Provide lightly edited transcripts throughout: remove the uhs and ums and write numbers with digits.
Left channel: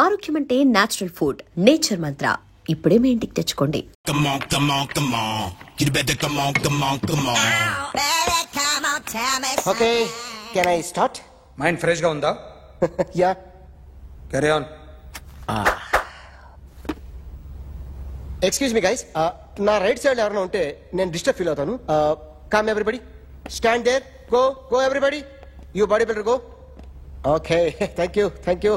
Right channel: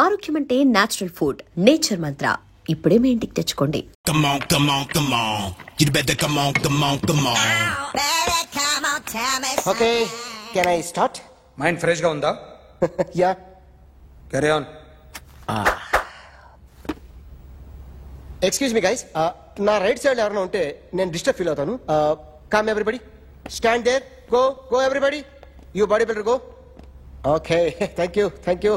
ఆరోగ్యం అంటే natural food. Nature మంత్ర ఇప్పుడే మీ ఇంటికి తెచ్చుకోండి. Okay, can I start? Mind fresh గా ఉందా? Yeah, carry on. Excuse me guys, నా రైట్ సైడ్ ఎవరైనా ఉంటే నేను డిస్టర్బ్ ఫీల్ అవుతాను. Come everybody, stand there, go go everybody, you body builder go. Okay, thank you thank you.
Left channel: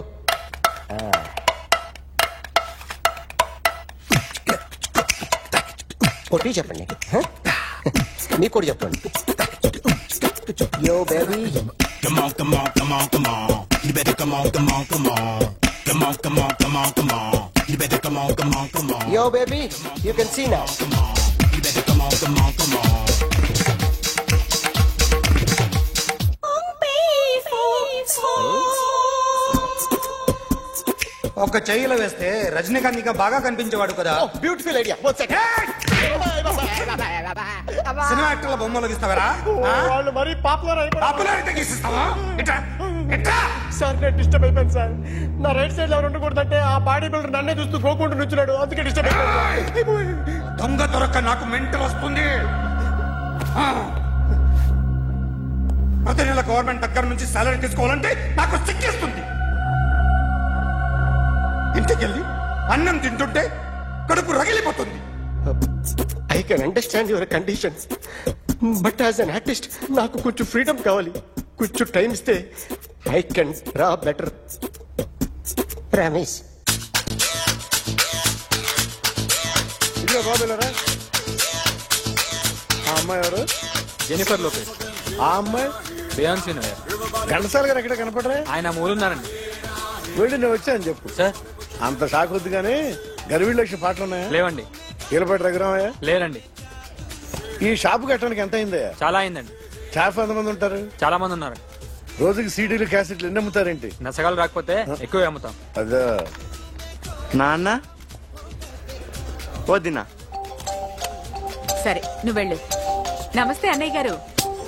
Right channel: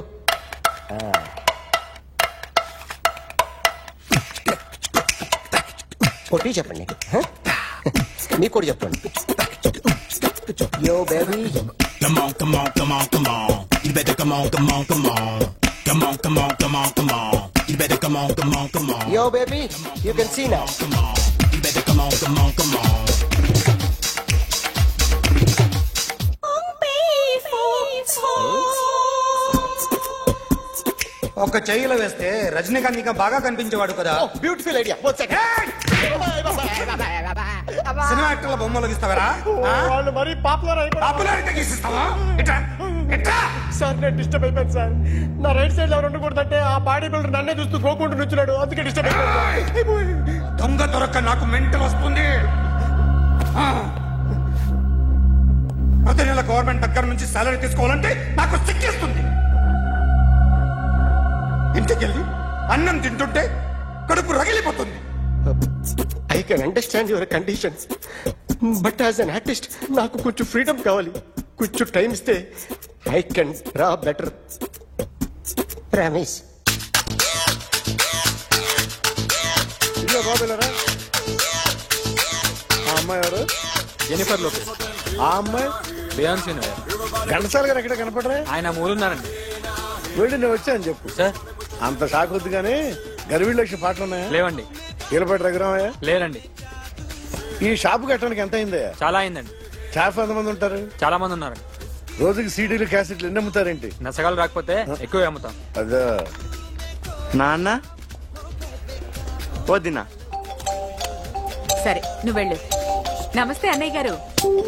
కొట్టి చెప్పండి, మీకు కూడా చెప్పండి. Yo baby, yo baby, you can see now. ఒక చెయ్యిలో వేస్తే రజనీకాంత్ ఇంకా బాగా కనిపించేవాడు కదా. Beautiful idea. సినిమా యాక్టర్ల బొమ్మలు గీస్తావరా? వాళ్ళు మరి పాపులారిటీ గీసిస్తావా? సార్ నేను డిస్టర్బ్ అయిపోయాను సార్. నా రైట్ సైడ్ ఎవరు ఉండకూడదంటే ఆ బాడీ బిల్డర్ నన్నే చూస్తూ గోకుంటూ నుంచున్నాడు, అందుకే డిస్టర్బ్ అయిపోయాను. దొంగ దొరక్క నాకు మెంటల్ వస్తుంది. ప్రతి నెల గవర్నమెంట్ దగ్గర నుంచి సాలరీ తీసుకోవాలంటే నాకు సిగ్గేస్తుంది. ఇంటికెళ్ళి అన్నం తింటుంటే కడుపు రగిలిపోతుంది. I can understand your conditions, but as an artist నాకు కొంచెం ఫ్రీడమ్ కావాలి. కొంచెం టైం ఇస్తే I can draw better. Promise. ఇదిగో బాబులరా, ఆ అమ్మాయి ఎవరు? Jennifer Lopez. ఆ అమ్మాయి బియాన్సీ నోయర్. ఘంటసాల గారు ఎక్కడ కనపడరా? ఆయన మూలున్నారండి. వెళ్ళి నేను వచ్చాను చెప్పు సార్. అంత షాక్ వద్దు కానీ గర్వీళ్ళ లక్ష పాటలు ఉన్నాయా? లేవండి. కీలపాటి రఘురామయ్య లేరండి. ఈ షాపు కట్టడానికి ఎంత అయిందయ్యా? చాలా అయిందండి. స్టాఫ్ ఎంతమంది ఉంటారు? చాలా మంది ఉన్నారు. రోజుకి సీడీలు క్యాసెట్లు ఎన్ని అమ్ముతారేంటి? నసగాలు రాకపోతే ఎక్కువ అమ్ముతాం. అదే నాన్న వదినా. సరే నువ్వు వెళ్ళు. నమస్తే అన్నయ్య గారు.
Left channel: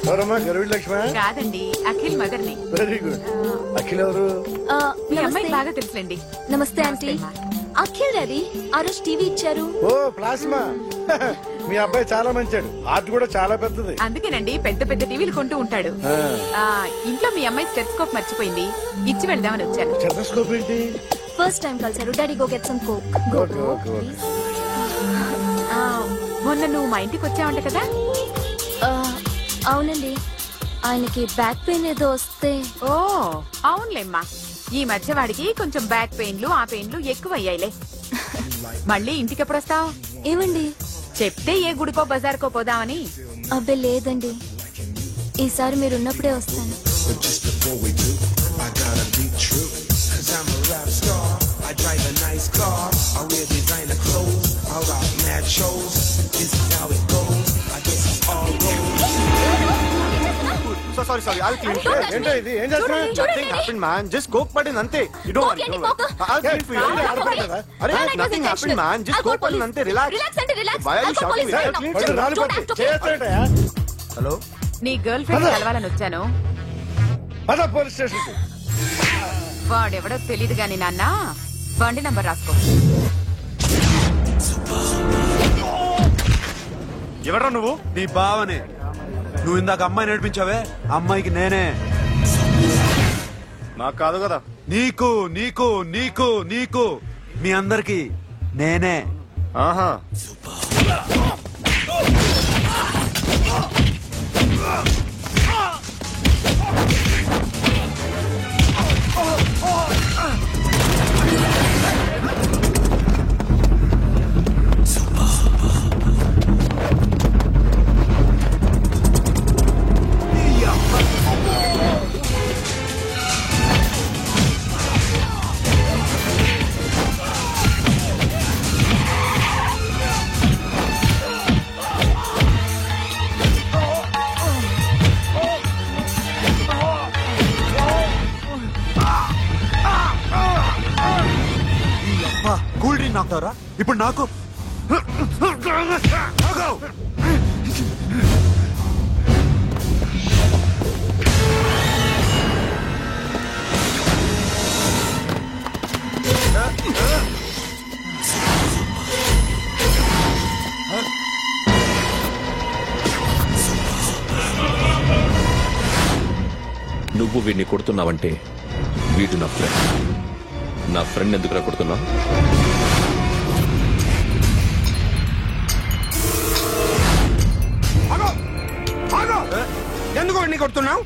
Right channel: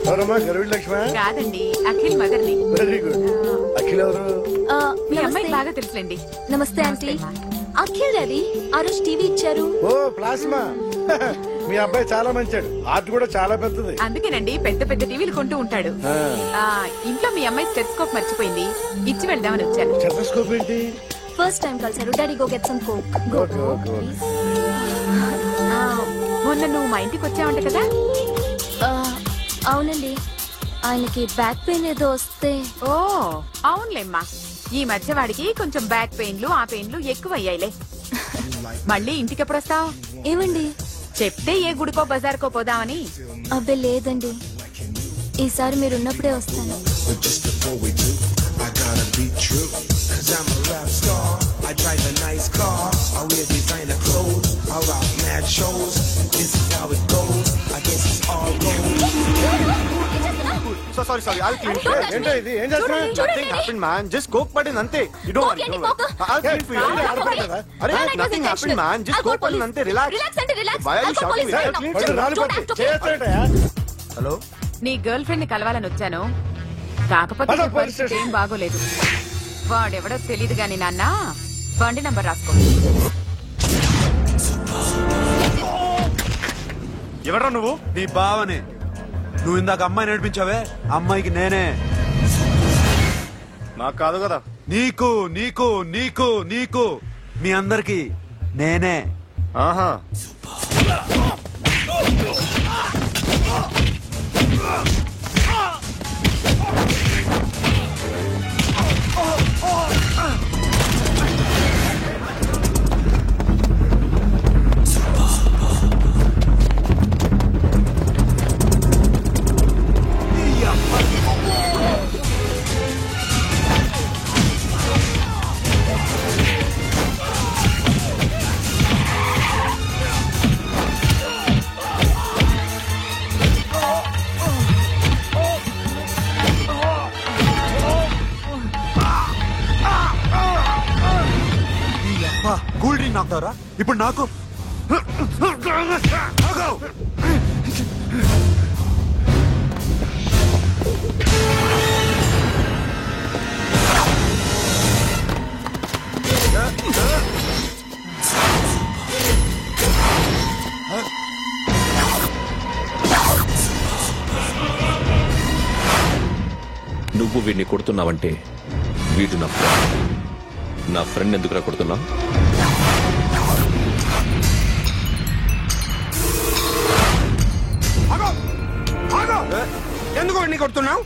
ఎవరమ్మా? గర్వీళ్ళ లక్ష్మ? కాదండి, అఖిల్ మదర్ని. Very good. అఖిల్ ఎవరు? మీ అమ్మాయికి బాగా తెలుసులేండి. నమస్తే ఆంటీ. అఖిల్ డాడీ ఆ రోజు టీవీ ఇచ్చారు. ఓ ప్లాస్మా. మీ అబ్బాయి చాలా మంచాడు, ఆర్ట్ కూడా చాలా పెద్దది. అందుకేనండి పెద్ద పెద్ద టీవీలు కొంటూ ఉంటాడు. ఇంట్లో మీ అమ్మాయి స్టెథోస్కోప్ మర్చిపోయింది, ఇచ్చి వెళ్దామని వచ్చాను. స్టెథోస్కోప్ ఏంటి? ఫస్ట్ టైం కలిసారు. Daddy go get some coke. Go go please. మొన్న నువ్వు మా ఇంటికి వచ్చావంట కదా? అవునండి, ఆయనకి బ్యాక్ పెయిన్ ఏదో వస్తే. ఓ అవునులేమ్మా, ఈ మధ్య వాడికి కొంచెం బ్యాక్ పెయిన్లు ఆ పెయిన్లు ఎక్కువ అయ్యాయిలే. మళ్ళీ ఇంటికి ఎప్పుడు వస్తావు? ఏమండి చెప్తే ఏ గుడికో బజార్కో పోదామని. అబ్బే లేదండి, ఈసారి మీరున్నప్పుడే వస్తాను. Sorry I'll clean it. ఏంటో ఇది? ఏం చేస్తున్నా? Nothing happened man, just coke పడింది అంతే. You don't worry. I'll clean for you. అరే nothing happened man, just coke పడింది అంతే. Relax. Why are you shouting? Hello, నీ గర్ల్ ఫ్రెండ్ కలవాలని వచ్చాను, కాకపోతే బాగోలేదు. వాడెవడో తెలీదు గాని నాన్న, బండి నంబర్ రాసుకో. ఎవరా నువ్వు? నీ బావనే. నువ్వు ఇందాక అమ్మాయి నడిపించావే, అమ్మాయికి నేనే. నాకు కాదు కదా. నీకు నీకు నీకు నీకు మీ అందరికి నేనే. ఆహా, కూల్ డ్రింక్ నాకుతారా ఇప్పుడు? నాకు నువ్వు వీడిని కొడుతున్నావంటే వీడు నా ఫ్రెండ్. నా ఫ్రెండ్ ఎందుకురా కొడుతున్నావు? ఎందుకు వాడిని కొడుతున్నావు?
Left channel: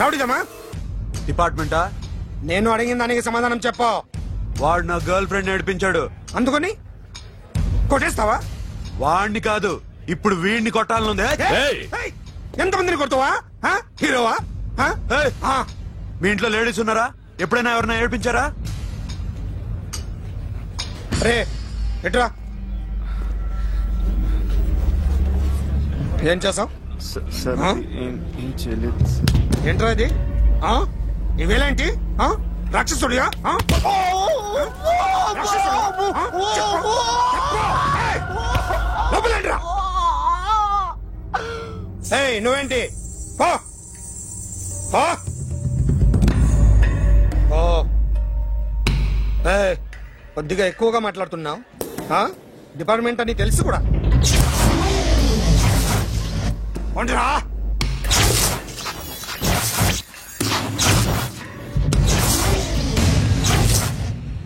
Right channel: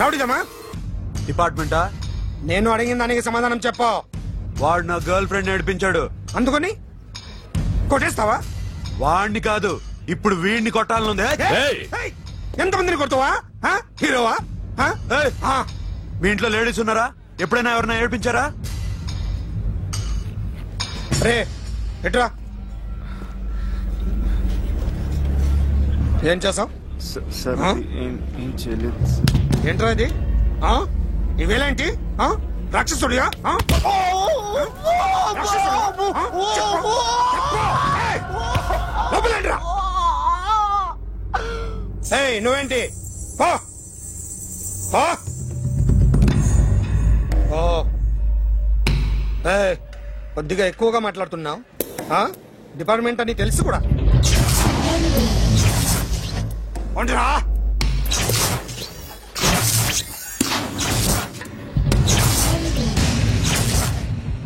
రౌడీదమ్మా? డిపార్ట్మెంటా? నేను అడిగిన దానికి సమాధానం చెప్పు. వాడు నా గర్ల్ ఫ్రెండ్ నడిపించాడు. అందుకని కొట్టేస్తావా? వాడిని కాదు, ఇప్పుడు వీడిని కొట్టాలనుంది. ఎంతమందిని కొడతావా? హీరోవా? మీ ఇంట్లో లేడీస్ ఉన్నారా? ఎప్పుడైనా ఎవరైనా ఏడిపించారా? రే ఎట్రా, ఏం చేసావు? ఏంట్రా ఇది? ఇవేలాంటి రాక్షసుడియా? లోపలేంట్రా? నువ్వేంటి? కొద్దిగా ఎక్కువగా మాట్లాడుతున్నావు. డిపార్ట్మెంట్ అని తెలుసు కూడా.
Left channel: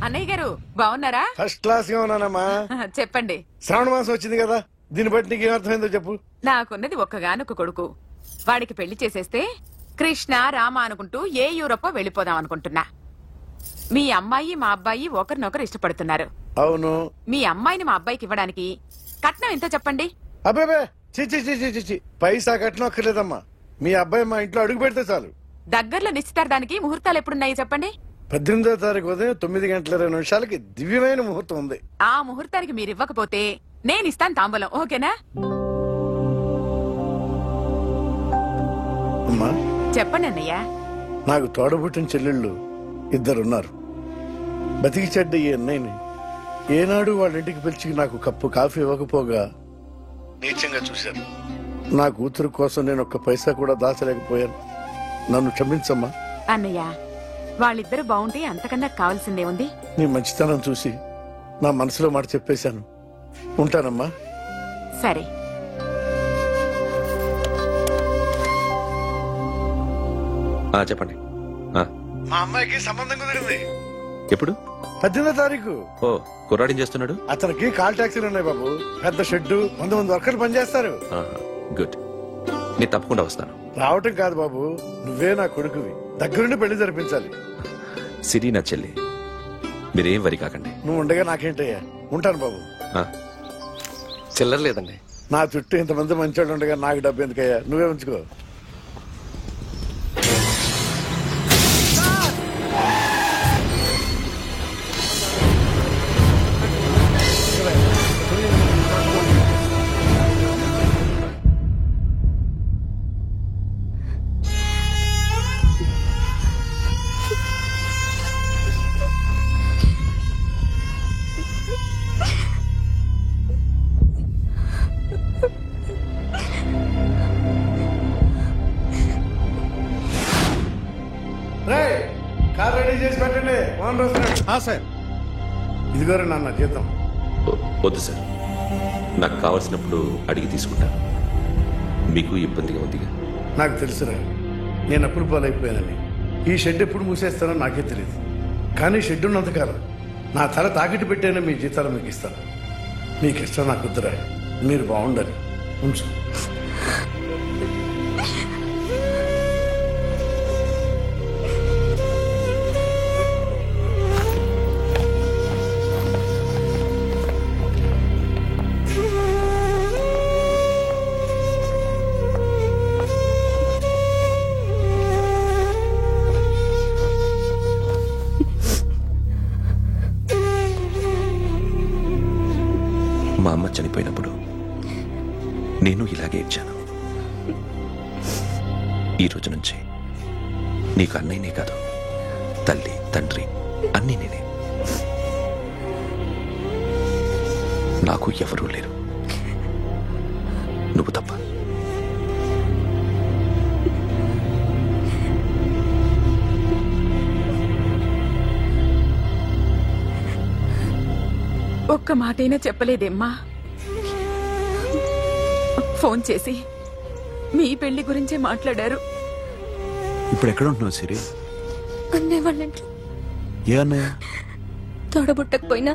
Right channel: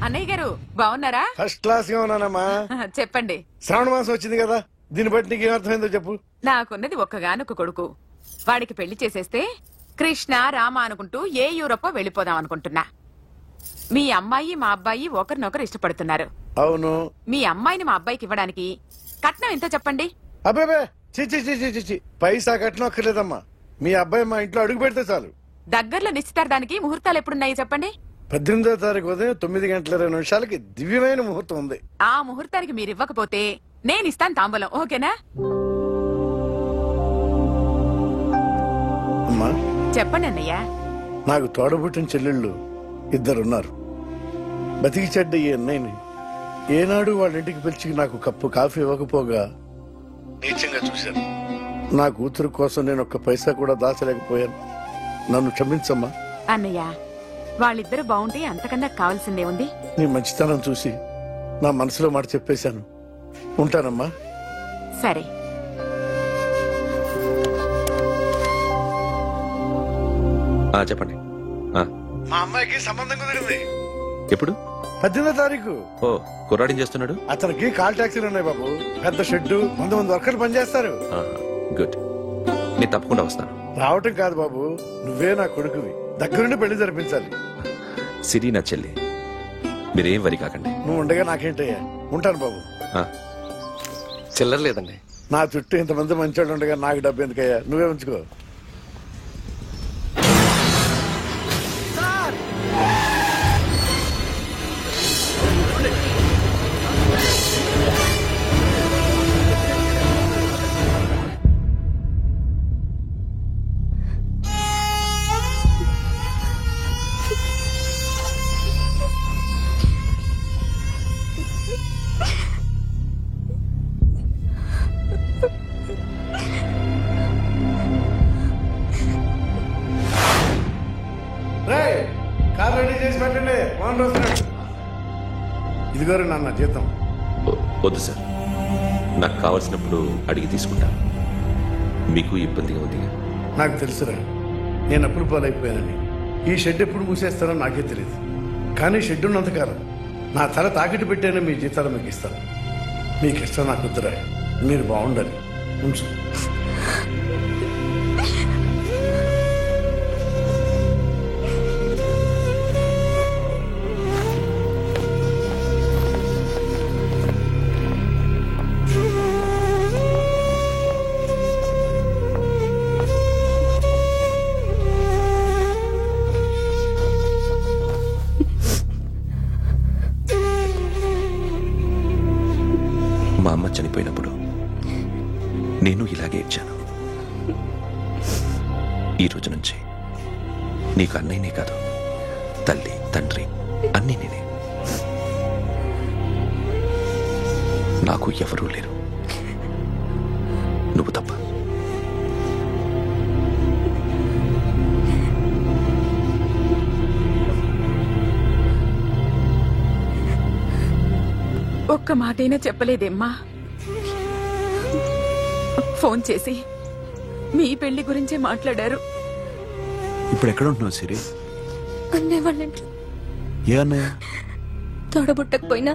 అన్నయ్య గారు బాగున్నారా? ఫస్ట్ క్లాస్ గా ఉన్నానమ్మా. చెప్పండి. శ్రావణ మాసం వచ్చింది కదా, దీన్ని బట్టి నీకు ఏమర్థమైందో చెప్పు. నాకున్నది ఒక్కగానొక్క కొడుకు. వాడికి పెళ్లి చేసేస్తే కృష్ణ రామ అనుకుంటూ ఏ యూరోపో వెళ్ళిపోదాం అనుకుంటున్నా. మీ అమ్మాయి మా అబ్బాయి ఒకరినొకరు ఇష్టపడుతున్నారు. అవును. మీ అమ్మాయిని మా అబ్బాయికి ఇవ్వడానికి కట్నం ఎంతో చెప్పండి. అబ్బాబే చిచి పైసా కట్నం అక్కర్లేదమ్మా. మీ అబ్బాయి మా ఇంట్లో అడుగు పెడితే చాలు. దగ్గరలో నిశ్చితార్థానికి ముహూర్తాలు ఎప్పుడున్నాయి చెప్పండి. 18వ తారీఖు ఉదయం 9:20 దివ్యమైన ముహూర్తం ఉంది. ఆ ముహూర్తానికి మీరు ఇవ్వకపోతే నేను ఇస్తాను తాంబూలం. ఓకేనా? అమ్మా చెప్పండి అన్నయ్య. నాకు తోడబుట్టిన చెల్లెళ్ళు ఇద్దరున్నారు. బతికి చెడ్డ ఈ అన్నయ్యని ఏనాడు వాళ్ళ ఇంటికి పిలిచి నాకు కప్పు కాఫీ ఇవ్వకపోగా నీచంగా చూశాను. నా కూతురు కోసం నేను ఒక్క పైసా కూడా దాచలేకపోయాను. నన్ను క్షమించమ్మా. అన్నయ్య, వాళ్ళిద్దరు బాగుంటే అంతకన్నా కావాల్సిందే ఉంది. నీ మంచితనం చూసి నా మనసులో మాట చెప్పేశాను. ఉంటానమ్మా. సరే. చెప్పండి. మా అమ్మాయికి సంబంధం కుదిరింది. ఎప్పుడు? 18వ తారీఖు. ఓ, కుర్రాడేం చేస్తున్నాడు? అతనికి కాల్ టాక్సీలు ఉన్నాయి బాబు. పెద్ద షెడ్, 100 మంది వర్కర్లు పనిచేస్తారు. గుడ్. నేను తప్పకుండా వస్తాను. రావటం కాదు బాబు, నువ్వే నా కొడుకువి. దగ్గరుండి పెళ్లి జరిపించాలి. సిరి నా చెల్లి, మీరేం వరి కాకండి. నువ్వు ఉండగా నాకేంటయ్యా. ఉంటాను బాబు. చిల్లర లేదండి. నా చుట్టూ ఇంతమంది మంచోళ్ళు ఉండగా నాకు డబ్బు ఎందుకయ్యా, నువ్వే ఉంచుకో. కార్ రెడీ చేసి పెట్టండి. ఓనర్ వస్తున్నాడు. ఇదిగోరే నాన్న జీతం. వద్దు సార్, నాకు కావలసినప్పుడు అడిగి తీసుకుంటాను. మీకు ఇబ్బందిగా ఉందిగా? నాకు తెలుసురా, నేను అప్పులు పాలైపోయానని. ఈ షెడ్ ఎప్పుడు మూసేస్తానో నాకే తెలియదు. కానీ షెడ్ ఉన్నంతకాలం నా తల తాకిట్టు పెట్టానే మీ జీతాలు మీకు ఇస్తాను. మీకు ఇష్టం నాకు వద్దురా, మీరు బాగుండాలి. ఉంచు. మా అమ్మ చనిపోయినప్పుడు నేను ఇలాగే ఇచ్చాను. ఈ రోజు నుంచి నీకు అన్నయ్యనే కాదు, తల్లి తండ్రి అన్నీ నేనే. నాకు ఎవరూ లేరు, నువ్వు తప్ప. ఒక్క మాటైనా చెప్పలేదేమ్మా? ఫోన్ చేసి మీ పెళ్లి గురించే మాట్లాడారు. ఇప్పుడు ఎక్కడ ఉంటున్నావు సిరి? అన్నయ్య వాళ్ళ ఇంట్లో. ఏ అన్నయ్య? తోడబుట్టకపోయినా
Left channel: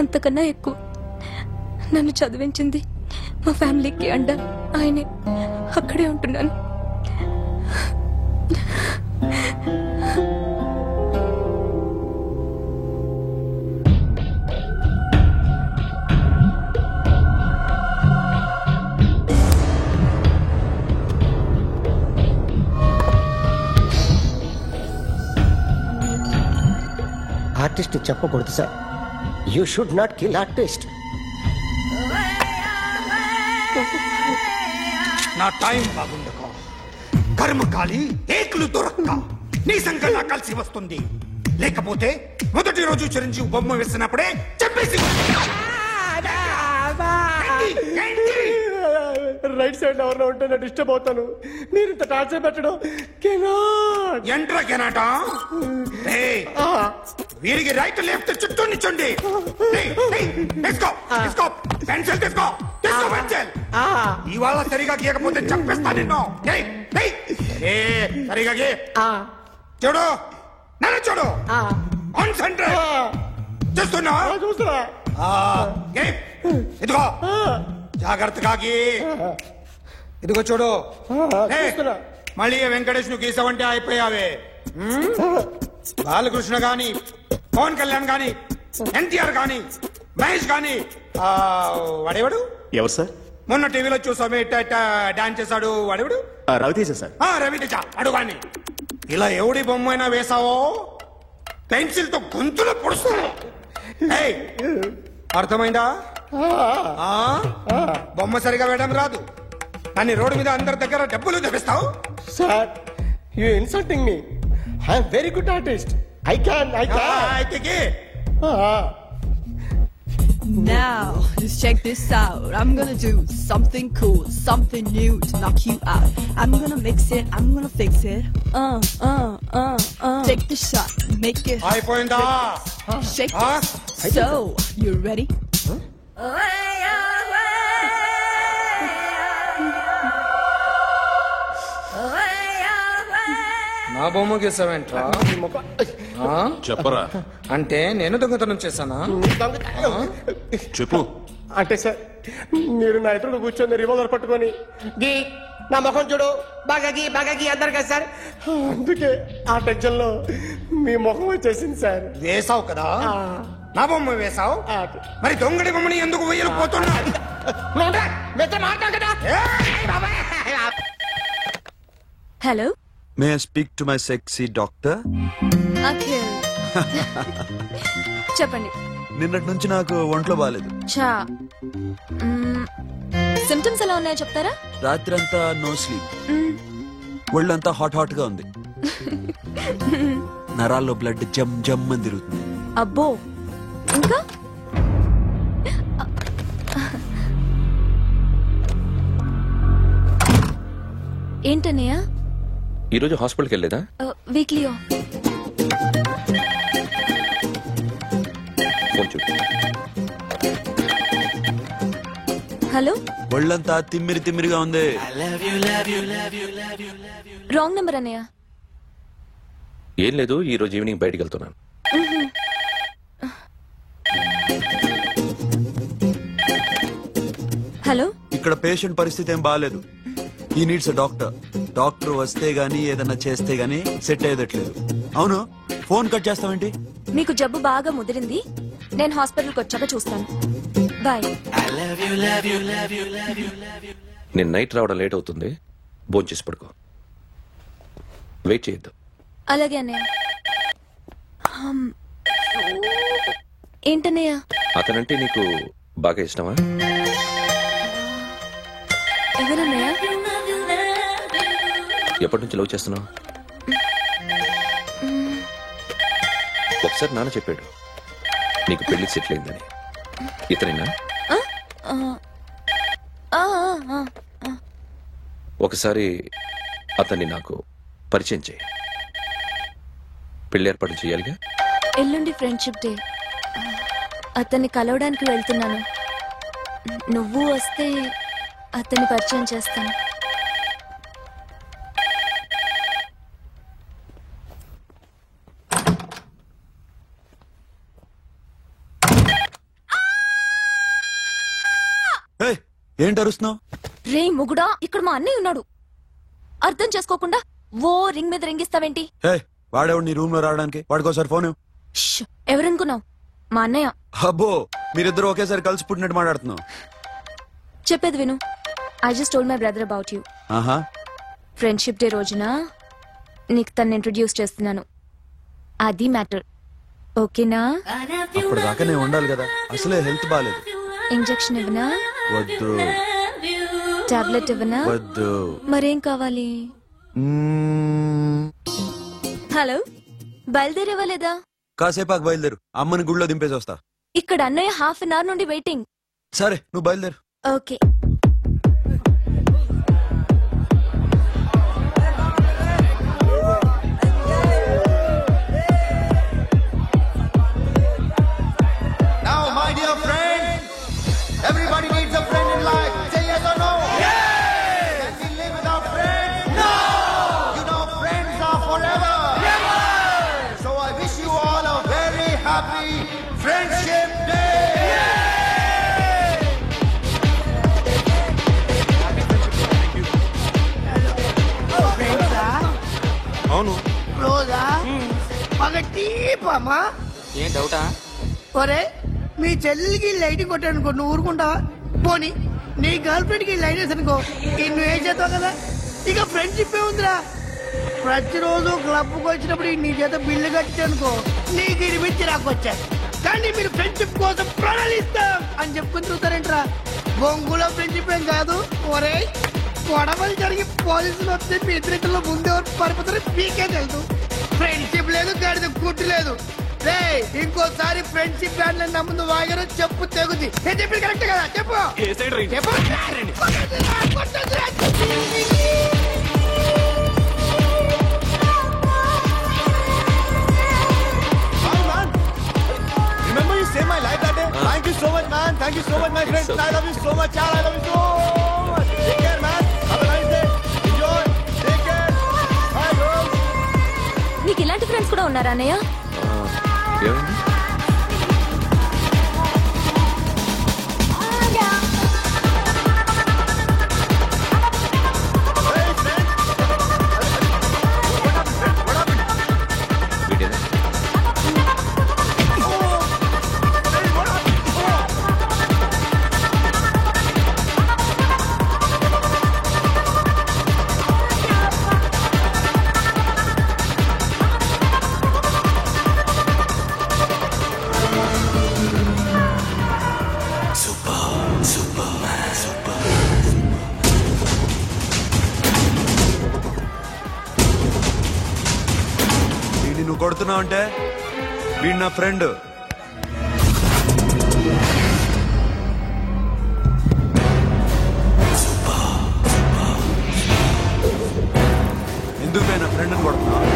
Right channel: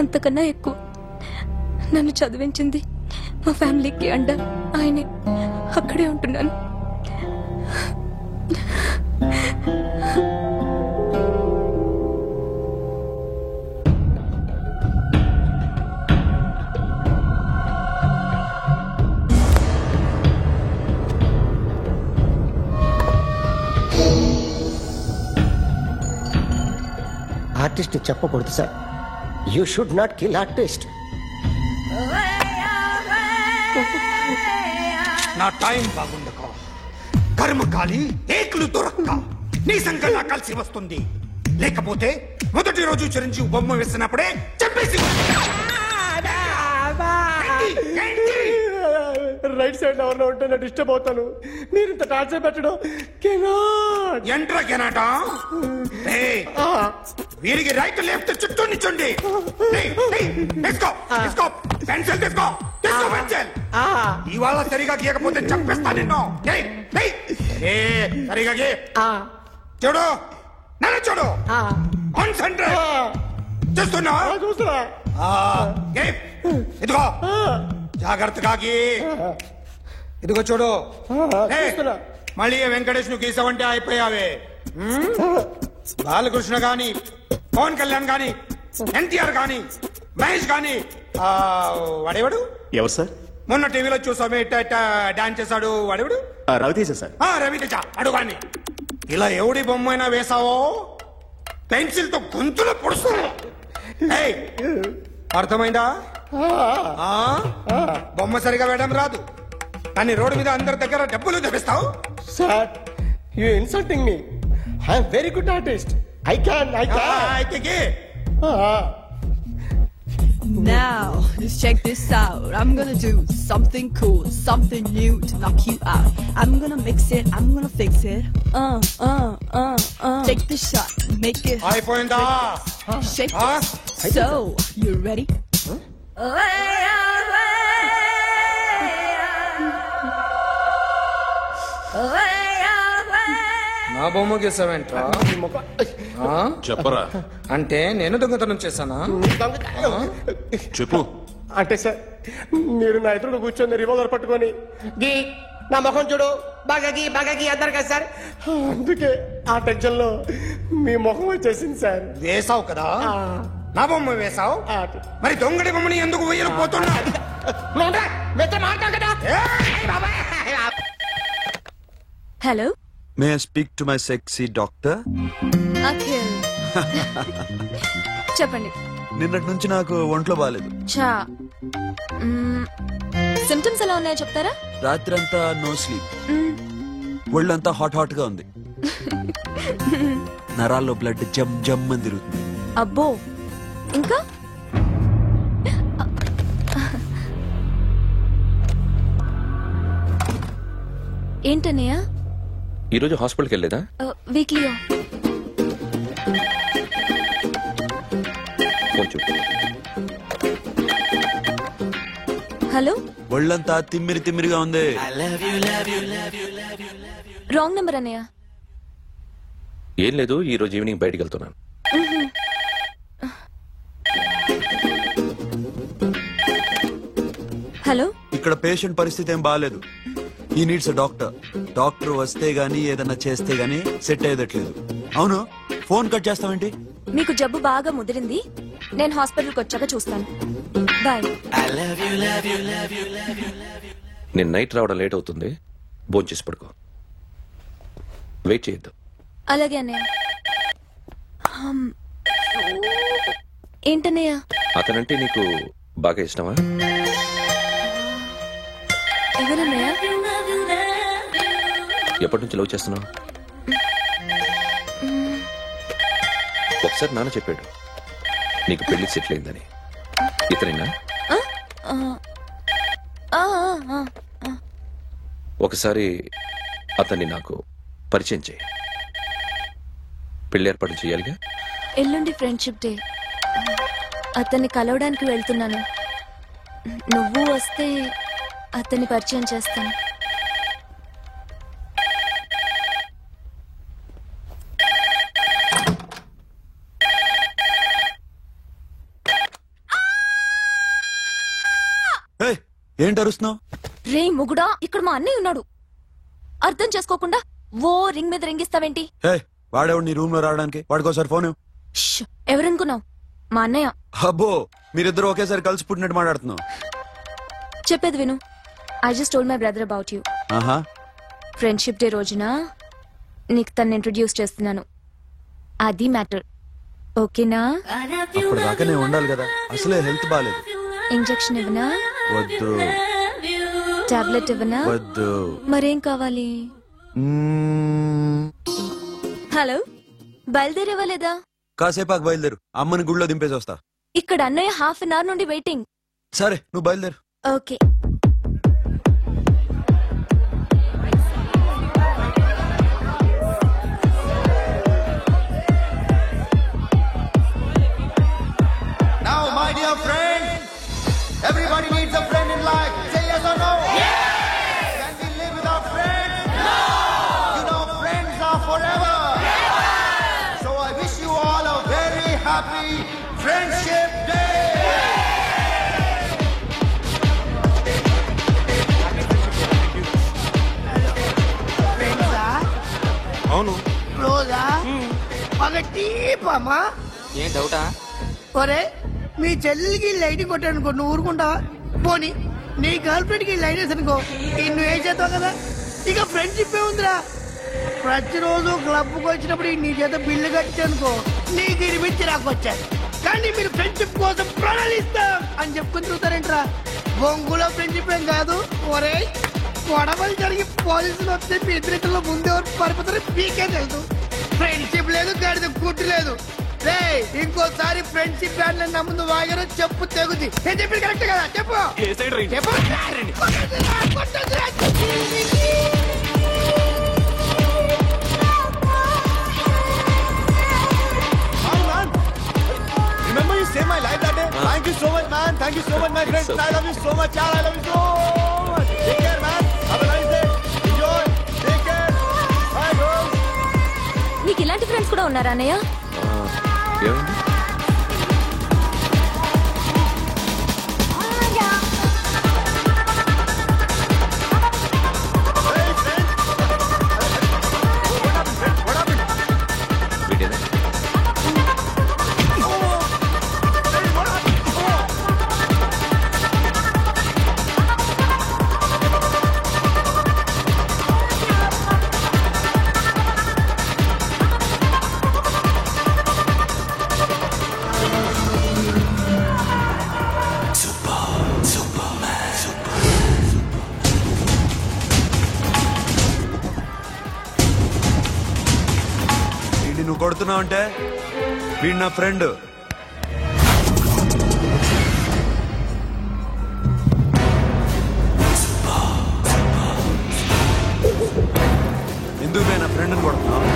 అంతకన్నా ఎక్కువ నన్ను చదివించింది మా ఫ్యామిలీకి అండ ఆయనే. అక్కడే ఉంటున్నాను. ఆర్టిస్ట్ చెప్పకూడదు sir. You should not kill artist. నా టైం బాగుండక కర్మకాలి ఏకులు దొరక్క నీ సంఘం నా కలిసి వస్తుంది. లేకపోతే మొదటి రోజు చిరంజీవి బొమ్మ వేసినప్పుడే చెప్పేసి రైట్ సైడ్ ఎవరిలో ఉంటే నేను డిస్టర్బ్ అవుతాను. మీరు ఇంత టార్చర్ పెట్టడం ఎంట్రా కెనాట. వీరికి రైట్ లెఫ్ట్ చుట్టూ నిచ్చండి. పెన్సిల్ తీసుకో, పెన్సిల్. ఇవాళ సరిగా గీయకపోతే చంపేస్తా నిన్ను. సరిగా గీ. చూడు, నన్ను చూడు. కాన్సంట్రేట్ చేస్తున్నా. ఇదిగో జాగ్రత్తగా గీ. ఇదిగో చూడు. మళ్ళీ వెంకటేష్ ను గీసావంటే అయిపోయావే. బాలకృష్ణ గాని, పవన్ కళ్యాణ్ గాని, ఎన్టీఆర్ గాని, మహేష్ గాని, వాడేవాడు ఎవరు సార్? మొన్న టీవీలో చూసామే డాన్స్ చేశాడు వాడేవాడు? రవితేజ సార్. రవితేజ అడుగాని. ఇలా ఎవడి బొమ్మైనా వేసావో పెన్సిల్ తో గొంతులో పొడుస్తావు. అర్థమైందా? బొమ్మ సరిగా వేయడం రాదు కానీ రోడ్డు మీద అందరి దగ్గర డబ్బులు తెప్పిస్తావు. Sir, you insulting me. I'm very good artist. I can. Now, let's check this out. I'm gonna do something cool, something new to knock you out. I'm gonna mix it, I'm gonna fix it. Take the shot, make it. అయిపోయిందా? Shake it. So, you ready? నా బొమ్మ గీసావేంట్రా? చెప్పరా. అంటే నేను దొంగతనం చేశానా? చెప్పు. అంటే సార్, మీరు నా ఎదురు కూర్చొని రివాల్వర్ పట్టుకొని గీ, నా ముఖం చూడు, బాగా గీ అన్నారు కదా సార్. అందుకే ఆ టెన్షన్ లో మీ ముఖం వచ్చేసింది సార్. వేసావు కదా, నా బొమ్మ వేసావు. మరి దొంగడి బొమ్మని ఎందుకు వేయలేకపోతున్నా? Hello, may I speak to my sexy doctor? Akhil. చెప్పండి. నిన్నటి నుంచి నాకు ఒంట్లో బాగాలేదు. సిమ్టమ్స్ ఎలా ఉన్నాయో చెప్తారా? రాత్రంతా నో స్లీప్, ఒళ్ళంతా హాట్ హాట్ గా ఉంది, నరాల్లో బ్లడ్ జమ్ జమ్ అని తిరుగుతుంది. అబ్బో, ఇంకా? ఏంటన్నయ్య? ఈరోజు హాస్పిటల్కి వెళ్ళేదా? వీక్లీ. ఫోన్ చూడు. హలో, ఒళ్ళంతా తిమ్మిరి తిమ్మిరిగా ఉంది. రాంగ్ నెంబర్ అన్నయ్య. ఏం లేదు, ఈ రోజు ఈవినింగ్ బయటికి వెళ్తున్నాను. హలో, ఇక్కడ పేషెంట్ పరిస్థితి ఏం బాగాలేదు. ఈ నీడ్స్ డాక్టర్. డాక్టర్ వస్తే గానీ ఏదన్నా చేస్తే గానీ సెట్ అయ్యేదట్లేదు. అవును, ఫోన్ కట్ చేస్తావేంటి? మీకు జబ్బు బాగా ముదిరింది, నేను హాస్పిటల్కి వచ్చాక చూస్తాను. బాయ్. నేను నైట్ రావడం లేట్ అవుతుంది, భోంచేసి పడుకో. వెయిట్ చేయొద్దు. అలాగే అన్నయ్య. ఏంటన్నయ్య? అతనంటే నీకు బాగా ఇష్టమా? ఎవరన్నయ్య? ఎప్పటి నుంచి లవ్ చేస్తున్నావు? ఒకసారి నాన్న చెప్పాడు నీకు పెళ్లి సెటిల్ అయిందని. ఇతనేనా? ఒకసారి అతన్ని నాకు పరిచయం చేయి. పెళ్లి ఏర్పాటు చేయాలిగా. ఎల్లుండి ఫ్రెండ్షిప్ డే. అతన్ని కలవడానికి వెళ్తున్నాను. నువ్వు వస్తే అతన్ని పరిచయం చేస్తాను. ఏంటి అరుస్తున్నావు? రే ముగుడా, ఇక్కడ మా అన్నయ్య ఉన్నాడు. అర్థం చేసుకోకుండా ఓ రింగ్ మీద రింగిస్తావేంటి? వాడేవాడు నీ రూమ్ లో రావడానికి? వాడికోసారి ఫోన్. ఎవరనుకున్నావు? మా అన్నయ్య. అబ్బో, మీరిద్దరు ఒకేసారి కలిసి పుట్టినట్టు మాట్లాడుతున్నావు. చెప్పేది విను. I just told my brother about you. Friendship day రోజున నీకు తను ఇంట్రొడ్యూస్ చేస్తున్నాను. అది మ్యాటర్. ఓకేనా? అప్పటిదాకా నేను ఉండాలి కదా, అసలే హెల్త్ బాగాలేదు. ఇంజెక్షన్ ఇవ్వనా? వద్దు. టాబ్లెట్ ఇవ్వనా? వద్దు. మరేం కావాలి? హలో, బయలుదేరేవా? కాసేపాకు బయలుదేరు, అమ్మని గుళ్ళో దింపేసి వస్తా. ఇక్కడ అన్నయ్య హాఫ్ అన్ అవర్ నుండి వెయిటింగ్. సరే, నువ్వు బయలుదేరు. Okay. Now, my dear friend, everybody needs a friend in life. Say yes or no? Yes! Can we live without friends? No! You know, friends are forever. Yes! So I wish you all a very happy Friendship Day! Happy Friendship Day. Thank you. Friends అవును. క్లోజా? ఒక టీపమ్మా. ఏం డౌటా? ఒరే, మీ చెల్లికి lighting కొట్టానుకో, నువ్వు ఊరుకుంటావా? పోనీ నీ girl friend కి లైట్ వేసి అనుకో, నువ్వు ఏం చేస్తావు కదా? ఇక ఫ్రెండ్షిప్ ఏ ఉందిరా. ప్రతిరోజు క్లబ్ కు వచ్చినప్పుడు నీ చేత బిల్లు కట్టించనుకో, నీకు ఇరిమించి రాకొచ్చాను. కానీ మీరు ఫ్రెండ్షిప్ కోసం ప్రణాళిస్తాం అని చెప్పుకుని తిరుగుతారేంట్రా? బొంగులో ఫ్రెండ్షిప్ ఏం కాదు. ఒరే, గొడవలు జరిగి పోలీసులు వస్తే మీ ఇద్దరిలో ముందెవరు పరిపోతారో మీకే తెలుసు. ఫ్రెండ్షిప్ లేదు, గడిద గుడ్డు లేదు. ఇంకోసారి ఫ్రెండ్షిప్ బ్యాండ్ నా ముందు వాగారో చెప్పు తెగుద్ది. నేను చెప్పింది కరెక్ట్ కదా? చెప్పు చెప్పు. Hi man, remember you saved my life that day? Thank you so much man, thank you so much my friends. I love you so much, yaar. I love you so much. Take care man, have a nice day. Enjoy, take care. Bye girls. నీకు ఇలాంటి friends కూడా ఉన్నారా అన్నయ్య? ఏమైంది? నువ్వు కొడుతున్నావు అంటే వీడు నా ఫ్రెండ్. ఎందుకు నా ఫ్రెండ్ అని కొడుతున్నావు?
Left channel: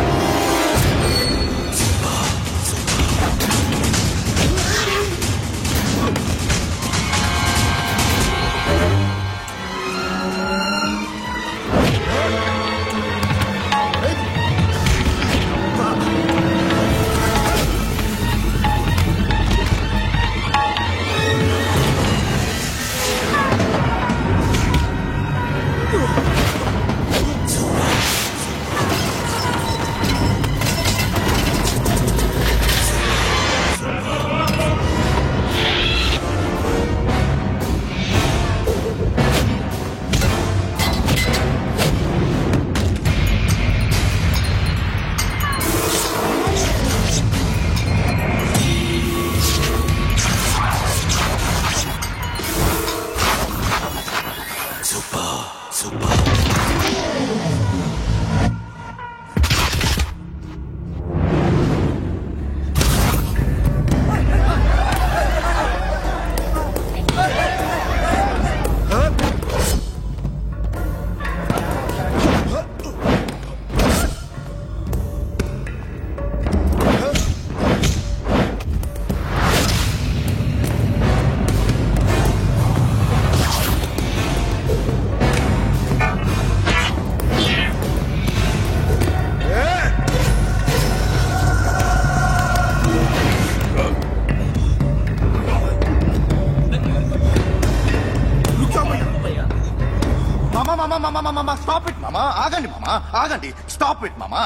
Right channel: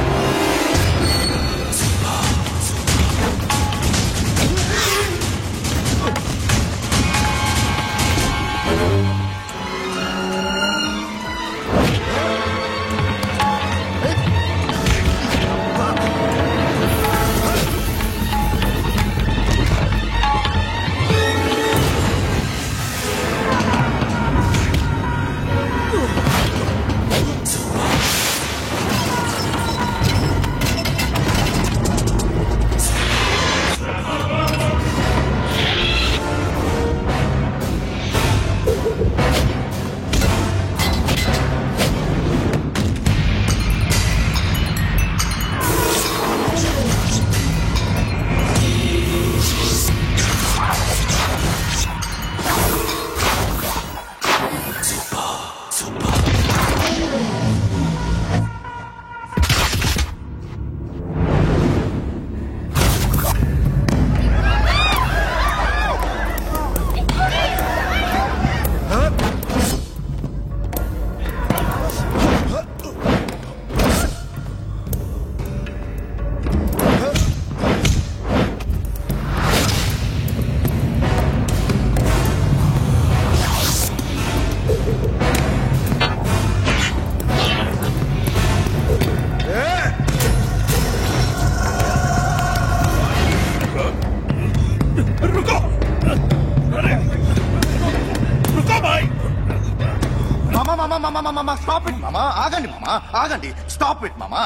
మామా స్టాప్ ఇట్ మామా, ఆగండి మామా, ఆగండి, స్టాప్ ఇట్ మామా.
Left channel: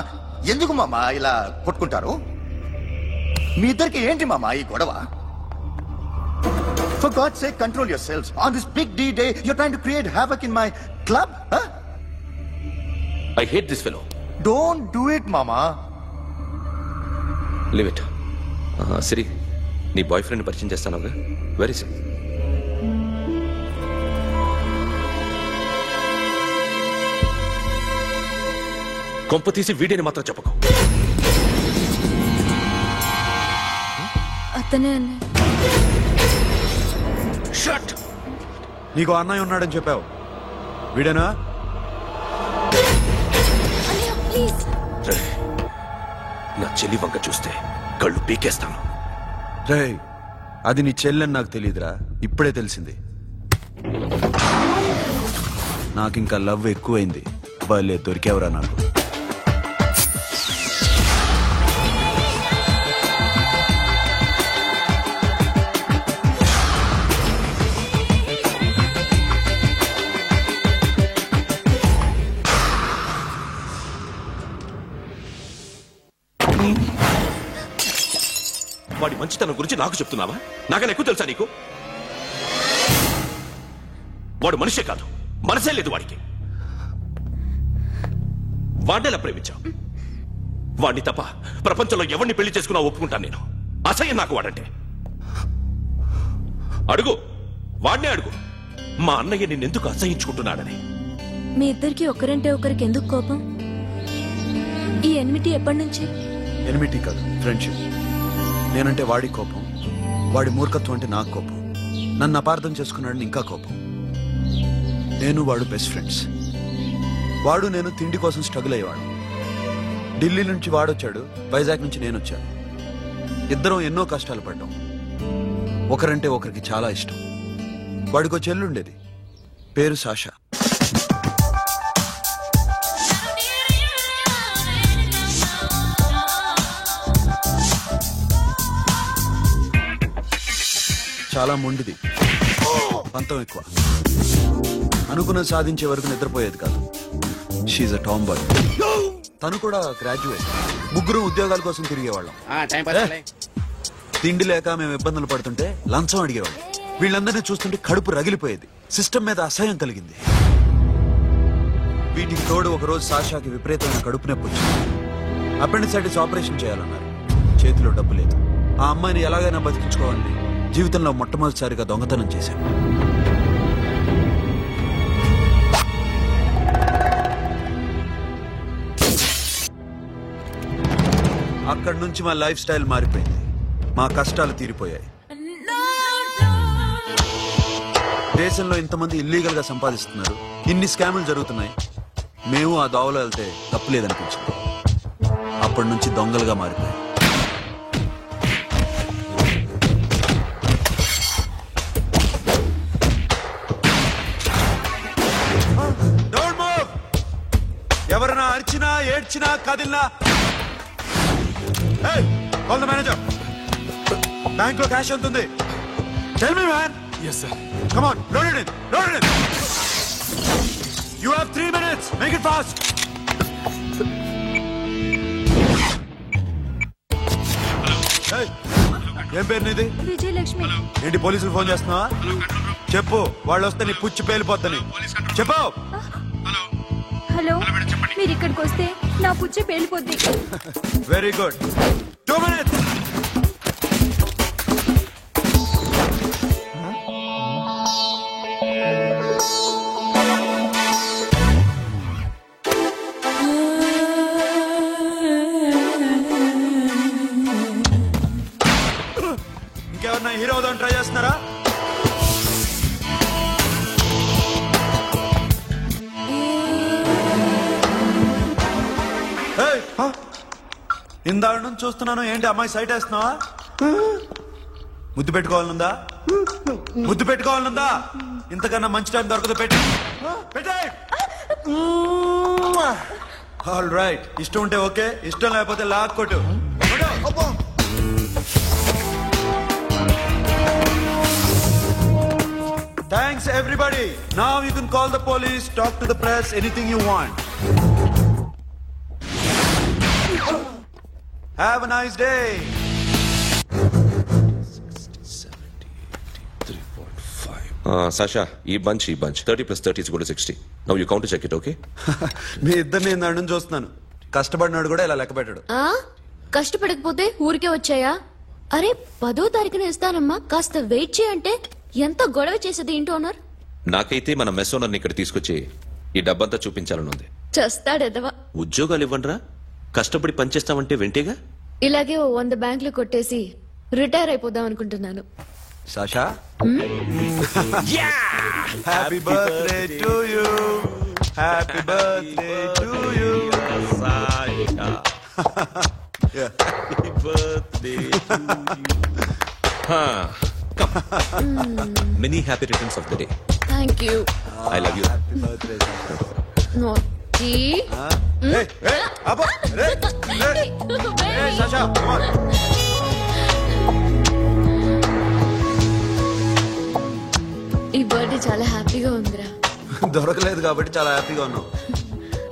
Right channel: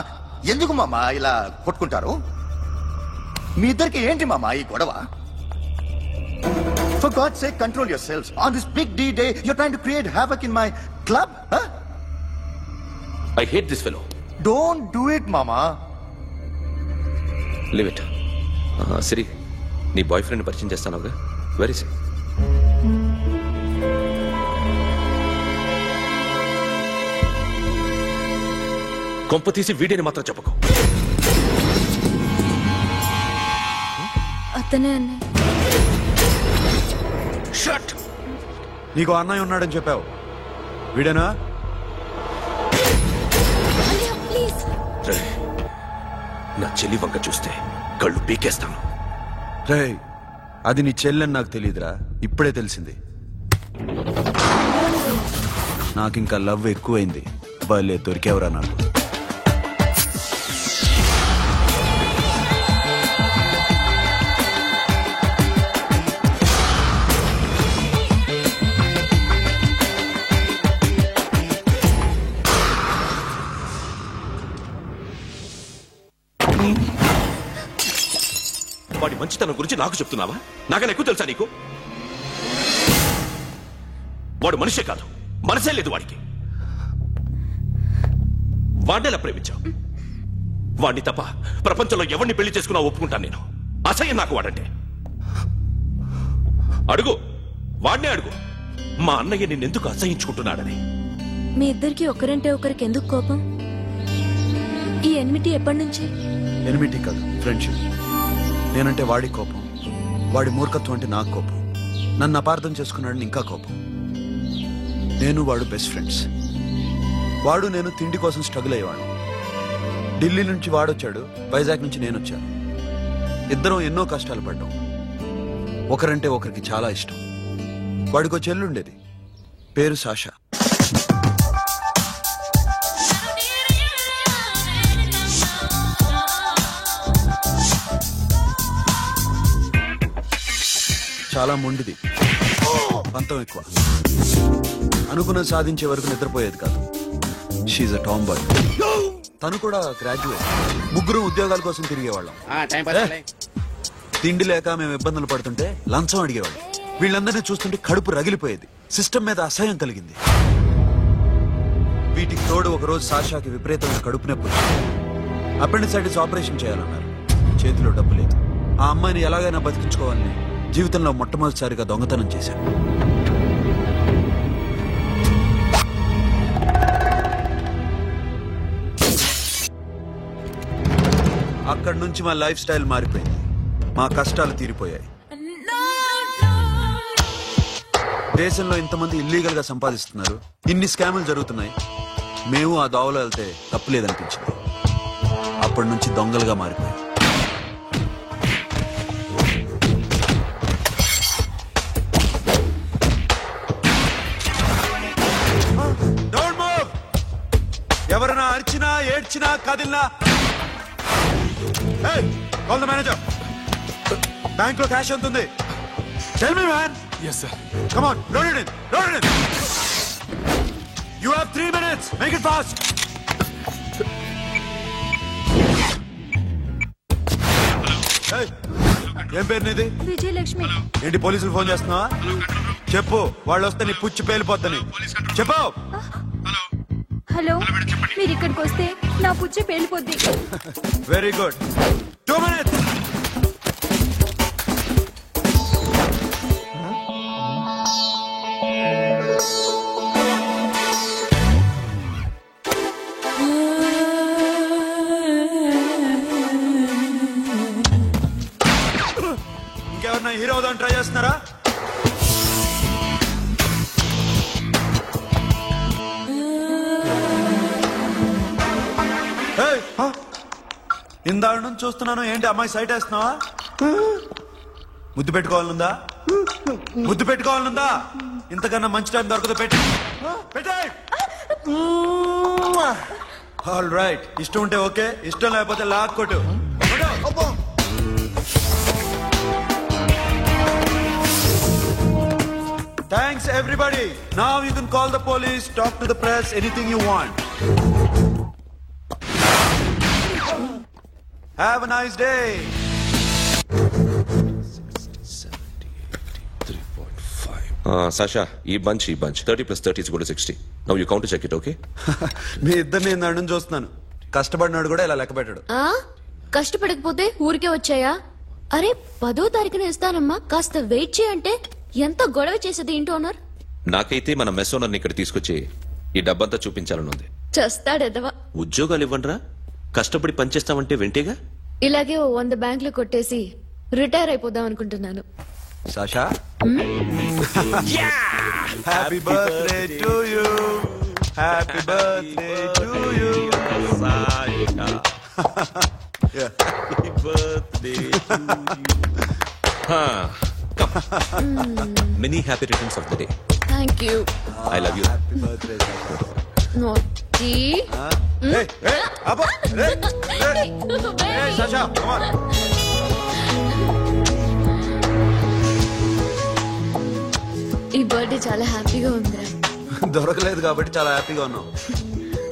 ఎందుకు మామా ఇలా కొట్టుకుంటారు? మీ ఇద్దరికి ఏంటి మామా ఈ గొడవ? For God's sake, control yourselves. On this big D day, you're trying to create havoc in my club? Huh? I hate this fellow. Don't do it, mama. Leave it. Siri, నీ బాయ్ ఫ్రెండ్ పరిచయం చేస్తానుగా. Very సే. కొంప తీసి వీడిని మాత్రం చెప్పకు. అతనే అన్నయ్య. Shut. నీకు అన్నయ్య ఉన్నాడని చెప్పావు, వీడేనా? నా చెల్లి వంక చూస్తే కళ్ళు పీకేస్తాను. రే, అది నీ చెల్లెని నాకు తెలియదురా, ఇప్పుడే తెలిసింది. నాకింకా లవ్ ఎక్కువైంది. భలే దొరికేవరా నాకు. వాడి మంచితనం గురించి నాకు చెప్తున్నావా? నాకన్నా ఎక్కువ తెలుసా నీకు? వాడు మనిషే కాదు, మనసే లేదు వాడికి. వాడినెలా ప్రేమించావు? వాడిని తప్ప ప్రపంచంలో ఎవరిని పెళ్లి చేసుకున్నా ఒప్పుకుంటాను నేను. అసహ్యం నాకు వాడంటే. అడుగు, వాడినే అడుగు, మా అన్నయ్య నిన్నెందుకు అసహించుకుంటున్నాడని. మీ ఇద్దరికి ఒకరంటే ఒకరికి ఎందుకు కోపం? ఈ ఎనిమిటీ ఎప్పటి నుంచి? ఎనిమిటీ కాదు, ఫ్రెండ్షిప్. నేనంటే వాడి కోపం, వాడి మూర్ఖత్వం అంటే నాకు కోపం. నన్ను అపార్థం చేసుకున్నాడని ఇంకా కోపం. నేను వాడు బెస్ట్ ఫ్రెండ్స్. వాడు నేను తిండి కోసం స్ట్రగుల్ అయ్యేవాడు. ఢిల్లీ నుంచి వాడొచ్చాడు, వైజాగ్ నుంచి నేను వచ్చాను. ఇద్దరం ఎన్నో కష్టాలు పడ్డాం. ఒకరంటే ఒకరికి చాలా ఇష్టం. వాడికో చెల్లుండేది, పేరు సాషా. చాలా మొండిది, పంతం ఎక్కువ. అనుకున్నది సాధించే వరకు నిద్రపోయేది కాదు. She's a tomboy. తను కూడా గ్రాడ్యుయేట్. ముగ్గురు ఉద్యోగాల కోసం తిరిగేవాళ్ళం. తిండి లేక మేము ఇబ్బందులు పడుతుంటే లంచం అడిగేవాళ్ళం. వీళ్ళందరినీ చూస్తుంటే కడుపు రగిలిపోయేది. సిస్టమ్ మీద అసహ్యం కలిగింది. వీటికి తోడు ఒకరోజు సాషాకి విపరీతమైన కడుపు నొప్పి వచ్చింది. అపెండిసైటిస్ ఆపరేషన్ చేయాలన్నారు. చేతిలో డబ్బు లేదు. ఆ అమ్మాయిని ఎలాగైనా బతికించుకోవాలని జీవితంలో మొట్టమొదటిసారిగా దొంగతనం చేశాను. అక్కడి నుంచి మా లైఫ్ స్టైల్ మారిపోయింది. మా కష్టాలు తీరిపోయాయి. దేశంలో ఇంతమంది ఇల్లీగల్ గా సంపాదిస్తున్నారు, ఇన్ని స్కాములు జరుగుతున్నాయి. మేము ఆ దోవలో వెళ్తే తప్పులేదనిపించింది. అప్పటి నుంచి దొంగలుగా మారిపోయాయి. ఎవరైనా అరిచినా ఏడ్చినా కదిలినా కాల్ ద మేనేజర్. బ్యాంక్ లో క్యాష్ ఎంత ఉంది? Tell me man. Yes sir. Come on, load it in. Load it in. You have 3 minutes. Make it fast. Hey, ఏం పేరు నీది? విజయలక్ష్మి. ఏంటి పోలీసులు ఫోన్ చేస్తున్నావా? చెప్పు, వాళ్ళు వస్తే నీ పుచ్చి పేలిపోద్దని చెప్పు. హలో, మీరు ఇక్కడికి వస్తే నా పుచ్చి పేలిపోద్ది. Very good. 2 minutes. ఇంకెవరన్నా హీరో అవుదాం ట్రై చేస్తున్నారా? ఇందాక నుంచి చూస్తున్నాను, ఏంటి అమ్మాయి సైట్ వేస్తున్నావా? ముద్దు పెట్టుకోవాలనుందా? ముద్దు పెట్టుకోవాలనుందా? ఇంతకన్నా మంచి టైం దొరకదు. పెట్టే. ఆల్ రైట్, ఇష్టం ఉంటే ఓకే, ఇష్టం లేకపోతే లాక్ కొట్టు. Thanks everybody. Now you can call the police, talk to the press, anything you want. Have a nice day. Sasha, ఈ bunch 30 plus 30 is equal to 60. Now you count to check it, okay? మీ ఇద్దరిని నేను చూస్తున్నాను. కష్టపడినాడు కూడా ఇలా లెక్క పెట్టాడు. కష్టపడకపోతే ఊరికే వచ్చాయా? అరే 10వ తారీఖున ఇస్తానమ్మా, కాస్త వెయిట్ చేయంటే ఎంత గొడవ చేసేది ఏంటి ఓనర్. నాకైతే మన మెస్ ఓనర్ని ఇక్కడ తీసుకొచ్చి ఈ డబ్బంతా చూపించాలనుంది. చస్తాడెదవా. ఉద్యోగాలు ఇవ్వండిరా, కష్టపడి పనిచేస్తామంటే వెంటేగా. ఇలాగే 100 బ్యాంకులు కొట్టేసి రిటైర్ అయిపోదాం అనుకుంటున్నాను. Sasha? Happy birthday to you. Happy birthday to you. Sasha. Happy birthday to you. Come. Many happy returns of the day. Thank you. I love you. Happy birthday, Sasha. Naughty. Hey, Abba. Hey, Sasha, come on. ఈ birthday చాలా హ్యాపీగా ఉందిరా. దొరకలేదు కాబట్టి చాలా హ్యాపీగా ఉన్నాం.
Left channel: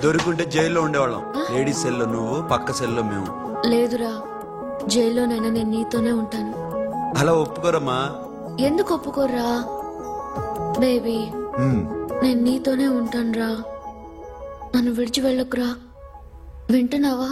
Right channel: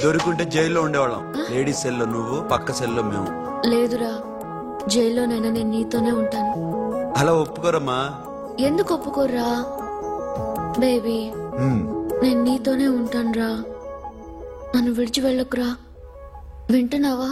దొరుకుంటే జైల్లో ఉండేవాళ్ళం. లేడీస్ సెల్లో నువ్వు, పక్క సెల్లో మేము. లేదురా, జైల్లోనైనా నేను నీతోనే ఉంటాను. అలా ఒప్పుకోరమ్మా. ఎందుకు ఒప్పుకోర్రా బేబీ? నేను నీతోనే ఉంటానురా, నన్ను విడిచి వెళ్ళకురా. వింటున్నావా?